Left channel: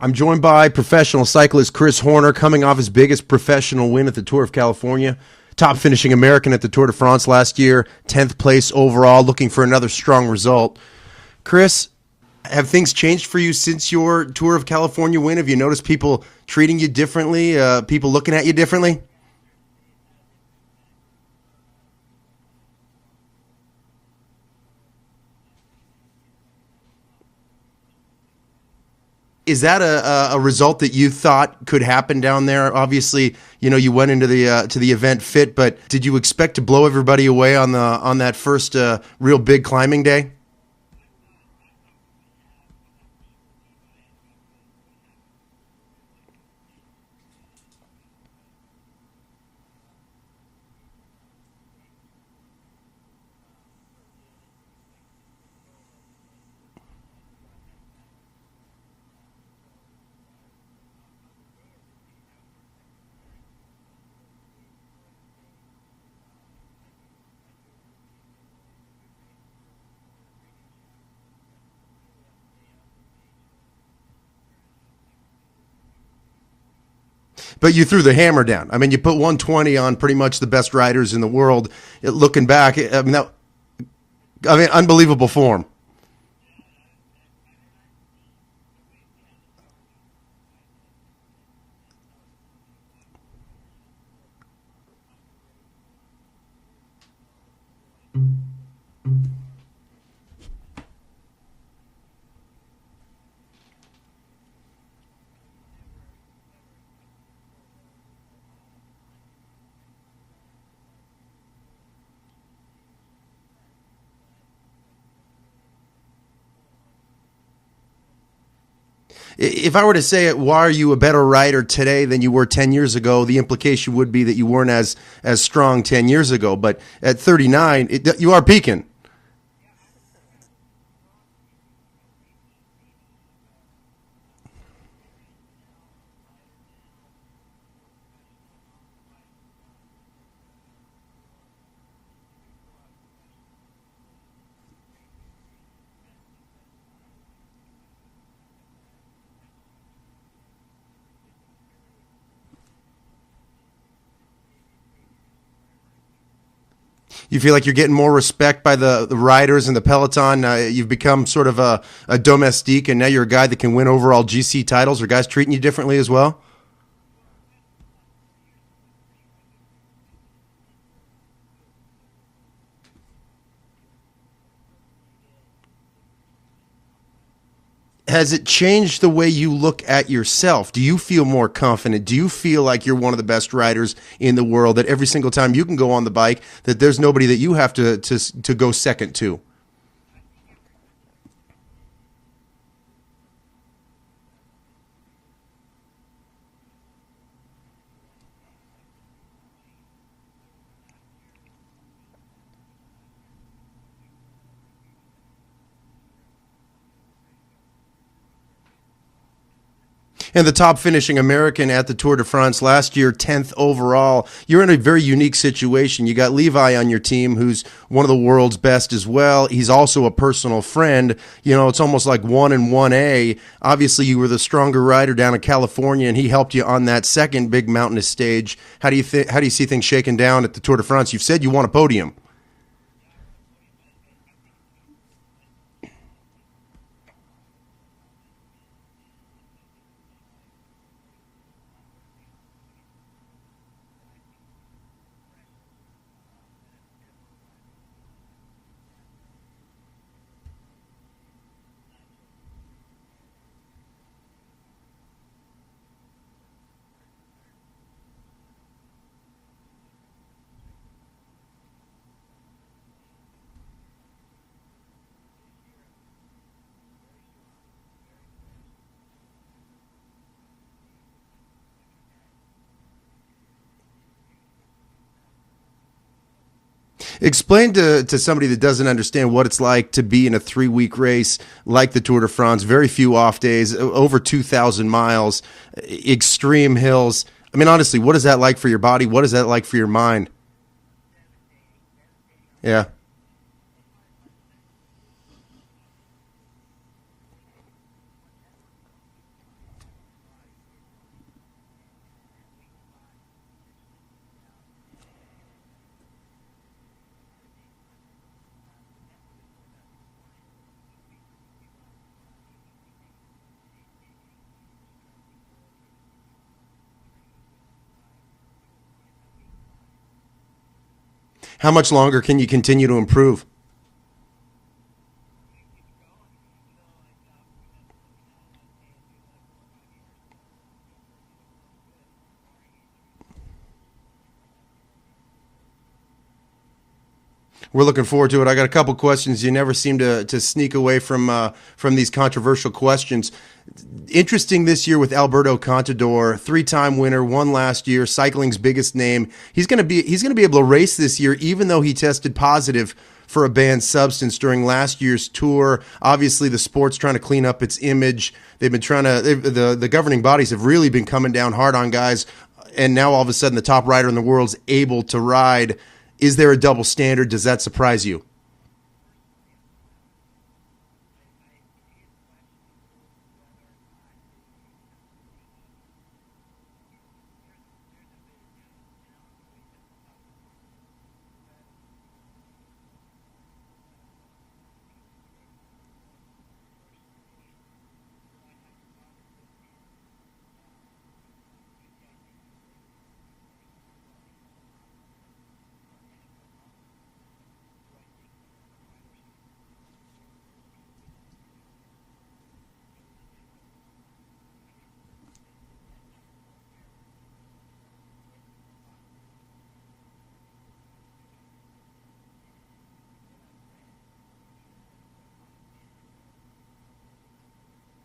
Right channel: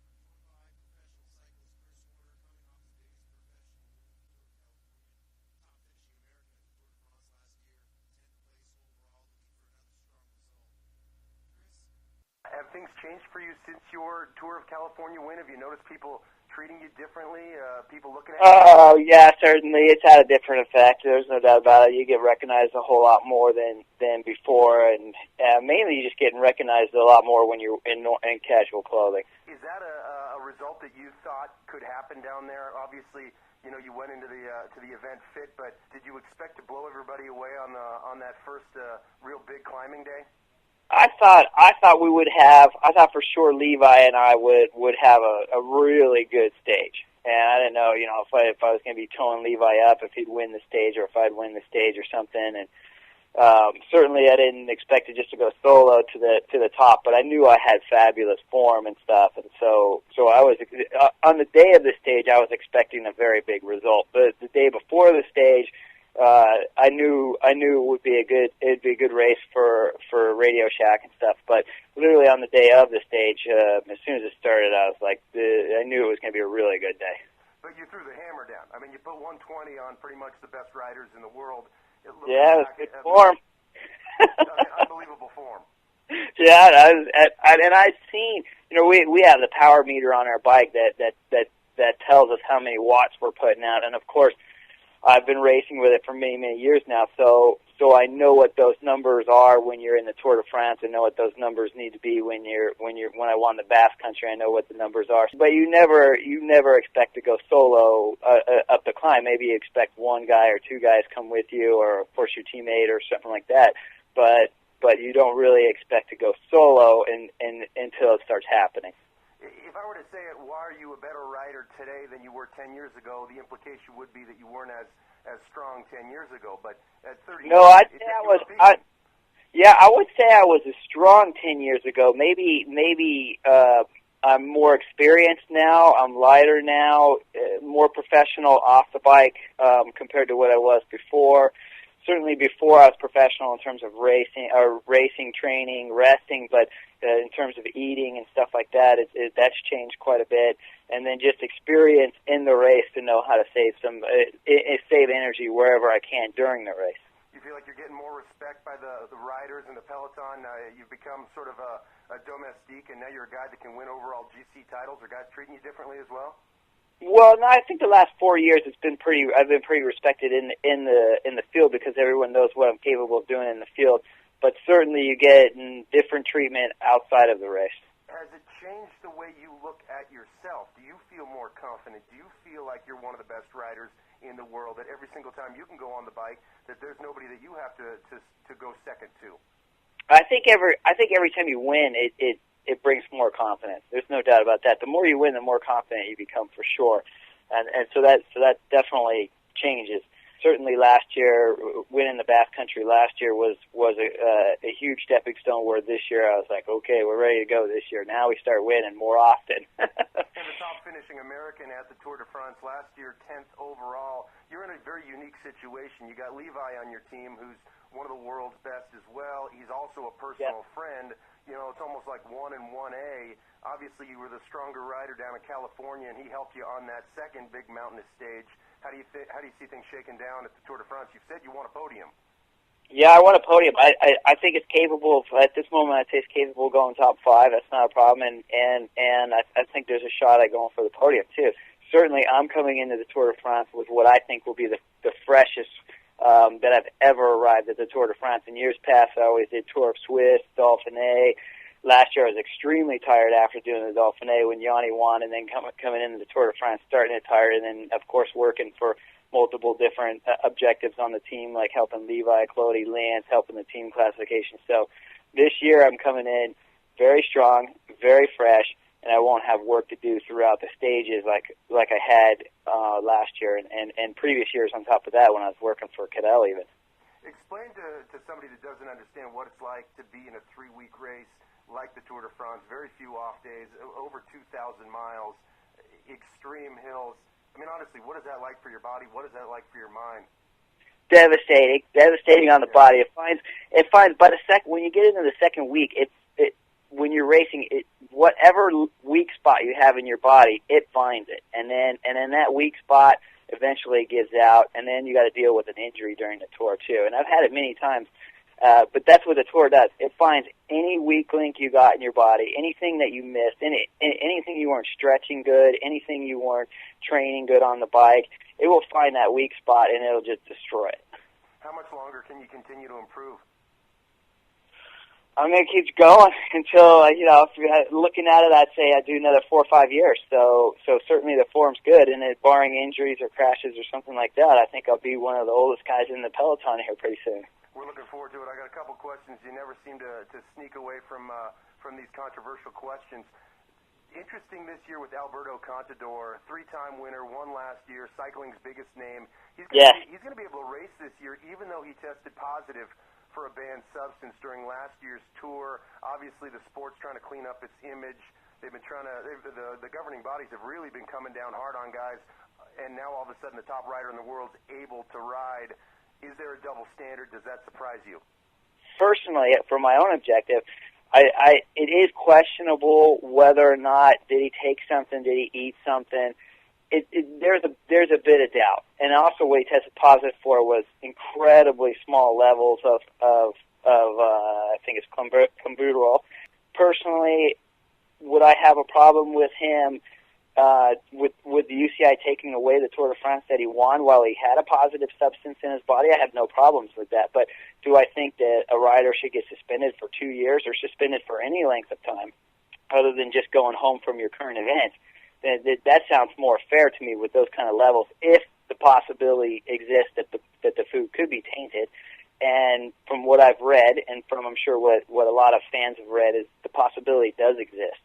I'm joined by professional cyclist Chris Horner, coming off his biggest professional win at the Tour of California. Top finishing American at the Tour de France last year, 10th place overall, looking for another strong result. Chris, have things changed for you since your Tour of California win? Have you noticed people treating you differently, people looking at you Oh, differently? yeah, certainly. It's had a different effect. There's no doubt about it. You get recognized a whole lot more than before, and mainly you're just getting recognized a lot more when you're in casual clothing. Is that a result that you thought could happen down there? Obviously, you went into the to the event fit, but did you expect to blow everybody away on that first real big climbing day? I thought we would have. I thought for sure Levi and I would have a really good stage, and I didn't know, if I was going to be towing Levi up, if he'd win the stage, or if I'd win the stage or something. And certainly I didn't expect it just to go solo to the top, but I knew I had fabulous form and stuff, and so I was on the day of the stage I was expecting a very big result. But the day before the stage, I knew it would be it'd be a good race for Radio Shack and stuff. But literally on the day of the stage, as soon as it started, I was like, I knew it was going to be a really good day. But you threw the hammer down. I mean, you put 120 on pretty much the best riders in the world. Looking back, unbelievable form. Yeah, and I've seen, we have the power meter on our bike that tells us how many watts we're putting out, and of course, I've been racing with it for many, many years now, so I know what those numbers are when you're in the Tour de France. I know what those numbers need to be when I won the Basque Country. I know what the numbers are. But you never expect to go solo up the climb. Maybe you expect one guy or two guys come with you, or of course your teammate or something like that. But you don't really expect to go solo until it starts happening. If I were to say it, why are you a better rider today than you were 10 years ago? The implication would be that you weren't as strong 10 years ago. But at 39, you are peaking. I would say I was as strong 10 years ago. Maybe I'm more experienced now. I'm lighter now, more professional off the bike compared to what I was before. Certainly before I was professional in terms of racing, training, resting, but in terms of eating and stuff like that, that's changed quite a bit. And then just experience in the race to know how to save energy wherever I can during the race. You feel like you're getting more respect by the riders and the peloton. You've become sort of a domestique, and now you're a guy that can win overall GC titles. Are guys treating you differently as well? Well, no, I think the last 4 years I've been pretty respected in the field, because everyone knows what I'm capable of doing in the field. But certainly you get different treatment outside of the race. Has it changed the way you look at yourself? Do you feel more confident? Do you feel like you're one of the best riders in the world, that every single time you can go on the bike, that there's nobody that you have to go second to? I think every time you win, it brings more confidence. There's no doubt about that. The more you win, the more confident you become, for sure. And so that definitely changes. Certainly last year, winning the Basque Country last year was a huge stepping stone, where this year I was like, okay, we're ready to go this year. Now we start winning more often. And the top finishing American at the Tour de France last year, 10th overall. You're in a very unique situation. You got Levi on your team, who's one of the world's best as well. He's also a personal friend. It's almost like 1 and 1A. Obviously, you were the stronger rider down in California, and he helped you on that second big mountainous stage. How do you see things shaking down at the Tour de France? You've said you want a podium. Yeah, I want a podium. I think it's capable of, at this moment, I'd say it's capable of going top 5. That's not a problem. And I think there's a shot at going for the podium, too. Certainly, I'm coming into the Tour de France with what I think will be the freshest that I've ever arrived at the Tour de France. In years past, I always did Tour of Swiss, Dauphiné. Last year, I was extremely tired after doing the Dauphiné when Yanni won, and then coming into the Tour de France, starting it tired, and then, of course, working for multiple different objectives on the team, like helping Levi, Clody, Lance, helping the team classification. So this year I'm coming in very strong, very fresh, and I won't have work to do throughout the stages like I had last year and previous years on top of that when I was working for Cadell even. Explain to somebody that doesn't understand what it's like to be in a 3-week race like the Tour de France, very few off days, over 2,000 miles, extreme hills. I mean, honestly, what is that like for your body? What is that like for your mind? Devastating on the body. It finds by when you get into the second week, when you're racing, whatever weak spot you have in your body, it finds it, and then that weak spot eventually gives out, and then you got to deal with an injury during the tour too. And I've had it many times, but that's what the tour does. It finds any weak link you got in your body, anything that you missed, anything you weren't stretching good, anything you weren't training good on the bike. It will find that weak spot and it'll just destroy it. How much longer can you continue to improve? I'm going to keep going until, if you're looking at it, I'd say I'd do another 4 or 5 years. So certainly the form's good, and barring injuries or crashes or something like that, I think I'll be one of the oldest guys in the peloton here pretty soon. We're looking forward to it. I got a couple questions. You never seem to sneak away from these controversial questions. Interesting this year with Alberto Contador, 3-time winner, won last year, cycling's biggest name. He's going to be able to race this year, even though he tested positive for a banned substance during last year's tour. Obviously, the sport's trying to clean up its image. They've been the governing bodies have really been coming down hard on guys, and now all of a sudden the top rider in the world's able to ride. Is there a double standard? Does that surprise you? Personally, for my own objective, it is questionable whether or not did he take something, did he eat something. There's a bit of doubt, and also what he tested positive for was incredibly small levels of I think it's clenbuterol. Personally, would I have a problem with him with the UCI taking away the Tour de France that he won while he had a positive substance in his body? I have no problems with that, but do I think that a rider should get suspended for 2 years or suspended for any length of time other than just going home from your current event? That sounds more fair to me with those kind of levels, if the possibility exists that the food could be tainted. And from what I've read, and from I'm sure what a lot of fans have read, is the possibility does exist.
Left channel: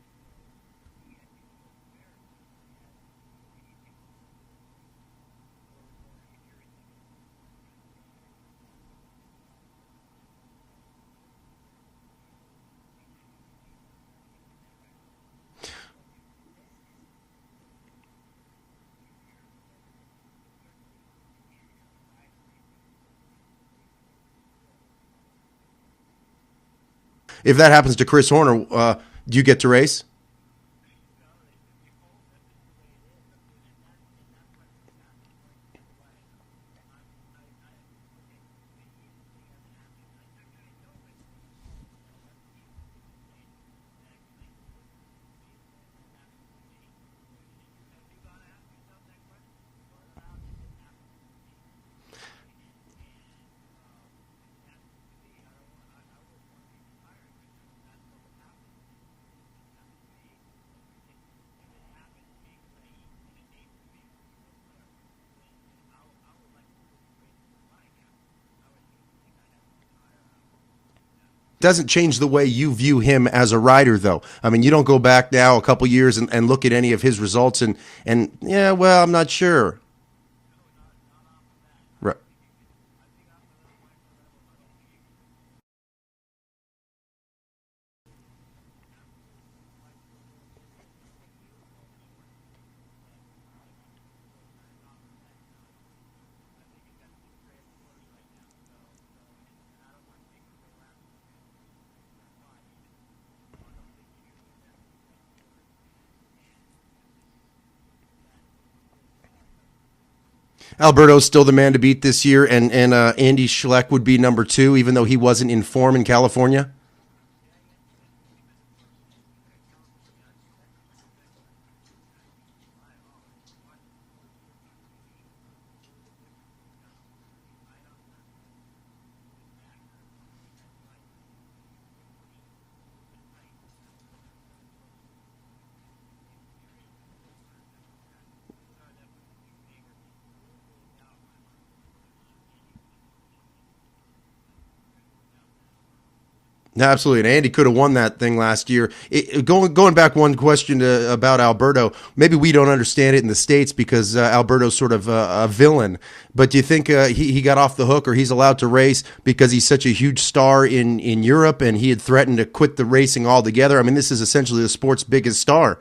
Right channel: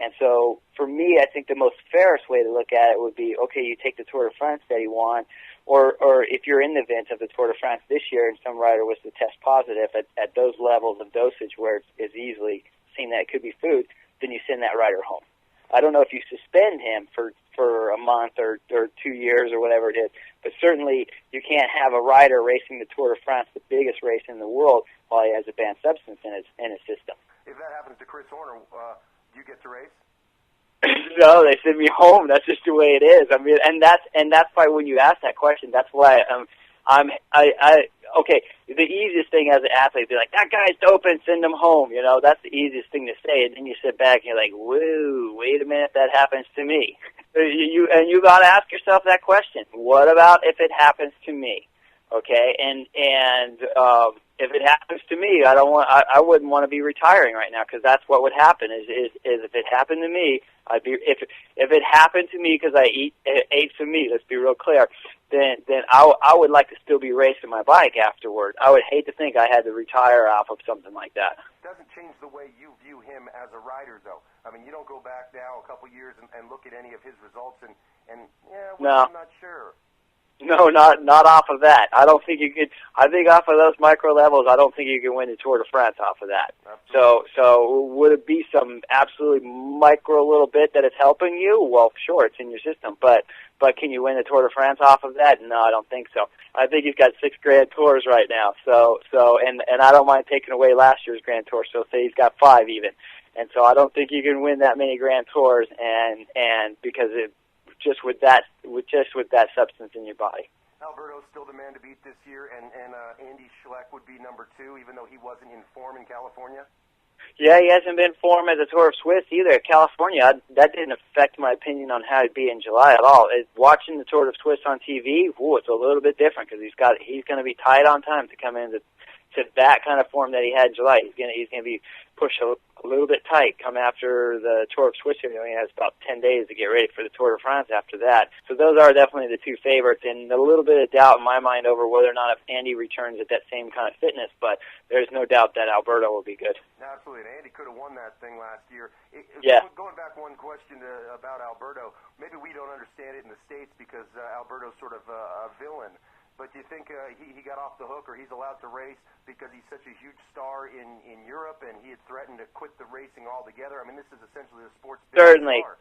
And so for me, I think the most fairest way to look at it would be, okay, you take the Tour de France that he won, or if you're in the event of the Tour de France this year and some rider was to test positive at those levels of dosage where it's easily seen that it could be food, then you send that rider home. I don't know if you suspend him for a month or 2 years or whatever it is, but certainly you can't have a rider racing the Tour de France, the biggest race in the world, while he has a banned substance in his system. If that happens to Chris Horner, do you get to race? No, they send me home. That's just the way it is. I mean, and that's why when you ask that question, that's why okay. The easiest thing as an athlete, be like, that guy's doping, send him home. That's the easiest thing to say. And then you sit back and you're like, whoa, wait a minute, that happens to me. You got to ask yourself that question. What about if it happens to me? Okay, and if it happens to me, I wouldn't want to be retiring right now, because that's what would happen. Is if it happened to me, if it happened to me because I ate some meat. Let's be real clear. Then I would like to still be racing my bike afterward. I would hate to think I had to retire off of something like that. Doesn't change the way you view him as a rider, though. I mean, you don't go back now a couple years and look at any of his results and no. I'm not sure. No, not off of that. I don't think you could. I think off of those micro levels, I don't think you can win the Tour de France off of that. So would it be some absolutely micro little bit that it's helping you? Well, sure, it's in your system, but can you win the Tour de France off of that? No, I don't think so. I think he's got 6 Grand Tours right now. So and I don't mind taking away last year's Grand Tour. So say he's got 5 even, and so I don't think you can win that many Grand Tours and because it. Just with that substance in your body. Alberto's still the man to beat this year, and Andy Schleck would be number 2, even though he wasn't in form in California. Yeah, he hasn't been in form at the Tour of Swiss either. California, that didn't affect my opinion on how he'd be in July at all. Watching the Tour of Swiss on TV, it's a little bit different because he's going to be tight on time to come into that kind of form that he had in July. He's going to be pushed a little bit tight come after the Tour of Swiss. He only has about 10 days to get ready for the Tour de France after that. So those are definitely the 2 favorites, and a little bit of doubt in my mind over whether or not if Andy returns at that same kind of fitness, but there's no doubt that Alberto will be good. Absolutely, and Andy could have won that thing last year. Going back one question about Alberto, maybe we don't understand it in the States because Alberto's sort of a villain, but do you think he got off the hook, or he's allowed to race because he's such a huge star in Europe and he had threatened to quit the racing altogether? I mean, this is essentially the sport's biggest star.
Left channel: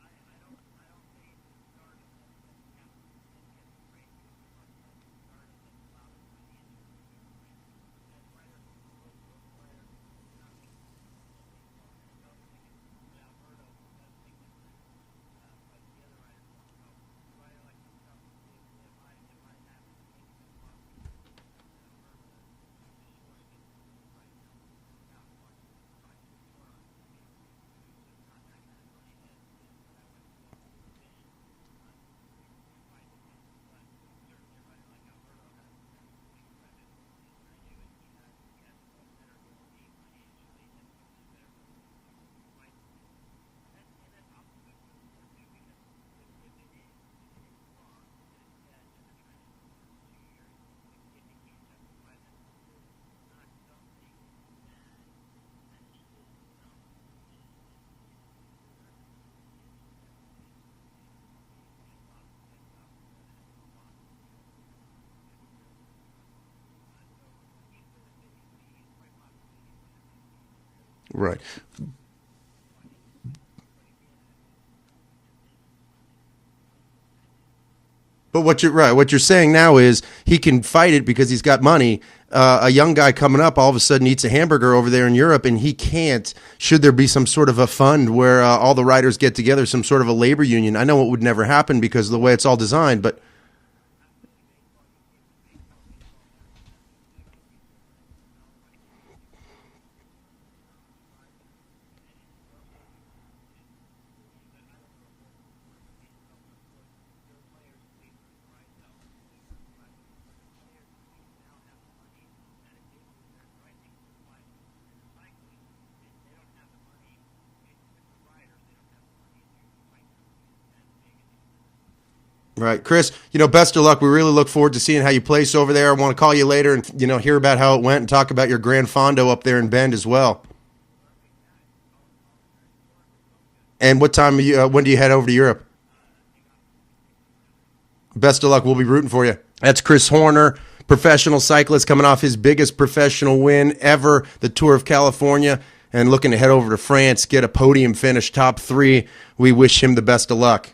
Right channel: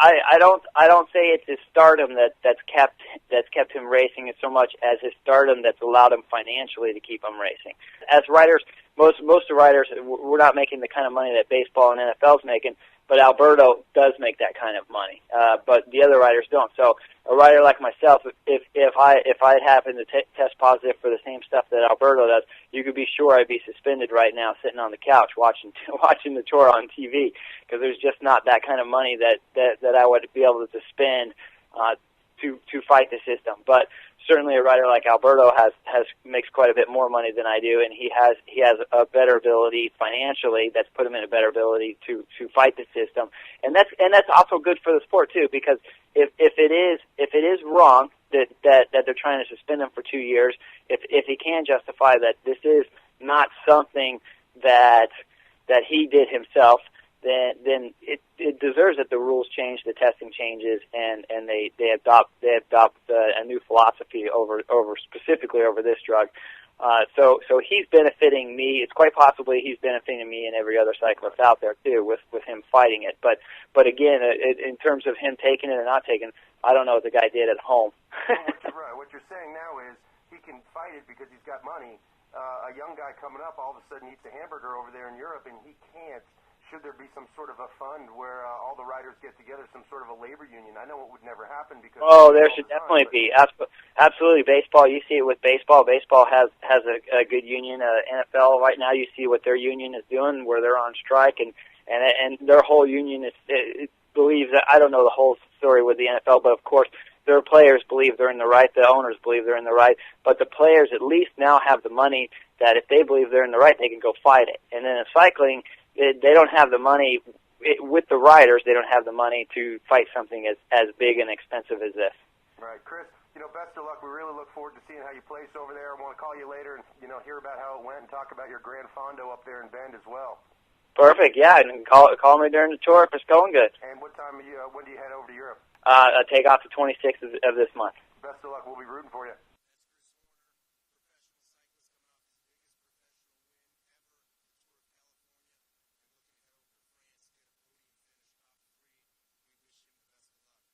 I don't say it's his stardom that's kept that's kept him racing so much as his stardom that's allowed him financially to keep him racing. As writers, most of the writers, we're not making the kind of money that baseball and NFL's making, but Alberto does make that kind of money. But the other writers don't. So a writer like myself, if I had happened to test positive for the same stuff that Alberto does, you could be sure I'd be suspended right now, sitting on the couch watching the tour on TV, because there's just not that kind of money that I would be able to spend to fight the system. But certainly a writer like Alberto makes quite a bit more money than I do, and he has a better ability financially that's put him in a better ability to fight the system, and that's also good for the sport too, because if it is wrong that they're trying to suspend him for 2 years, if he can justify that this is not something that he did himself, then it deserves that the rules change, the testing changes, and they adopt a new philosophy over specifically over this drug. So he's benefiting me. It's quite possibly he's benefiting me and every other cyclist out there too with him fighting it. But again, in terms of him taking it or not taking it, I don't know what the guy did at home. But what you're saying now is he can fight it because he's got money. A young guy coming up all of a sudden eats a hamburger over there in Europe, and he can't. Should there be some sort of a fund where all the riders get together, some sort of a labor union? I know it would never happen because of the way it's all designed. But absolutely, baseball. You see it with baseball. Baseball has a good union. NFL right now, you see what their union is doing, where they're on strike, and their whole union believes that. I don't know the whole story with the NFL, but of course, their players believe they're in the right. The owners believe they're in the right. But the players at least now have the money that if they believe they're in the right, they can go fight it. And then in cycling, they don't have the money. With the riders, they don't have the money to fight something as big and expensive as this. Right. Chris, best of luck. We really look forward to seeing how you place over there. I want to call you later and, hear about how it went and talk about your Gran Fondo up there in Bend as well. Perfect. Yeah, and call me during the tour if it's going good. And what time when do you head over to Europe? I take off the 26th of this month. Best of luck. We'll be rooting for you. That's Chris Horner, professional cyclist, coming off his biggest professional win ever, the Tour of California, and looking to head over to France, get a podium finish, top 3. We wish him the best of luck.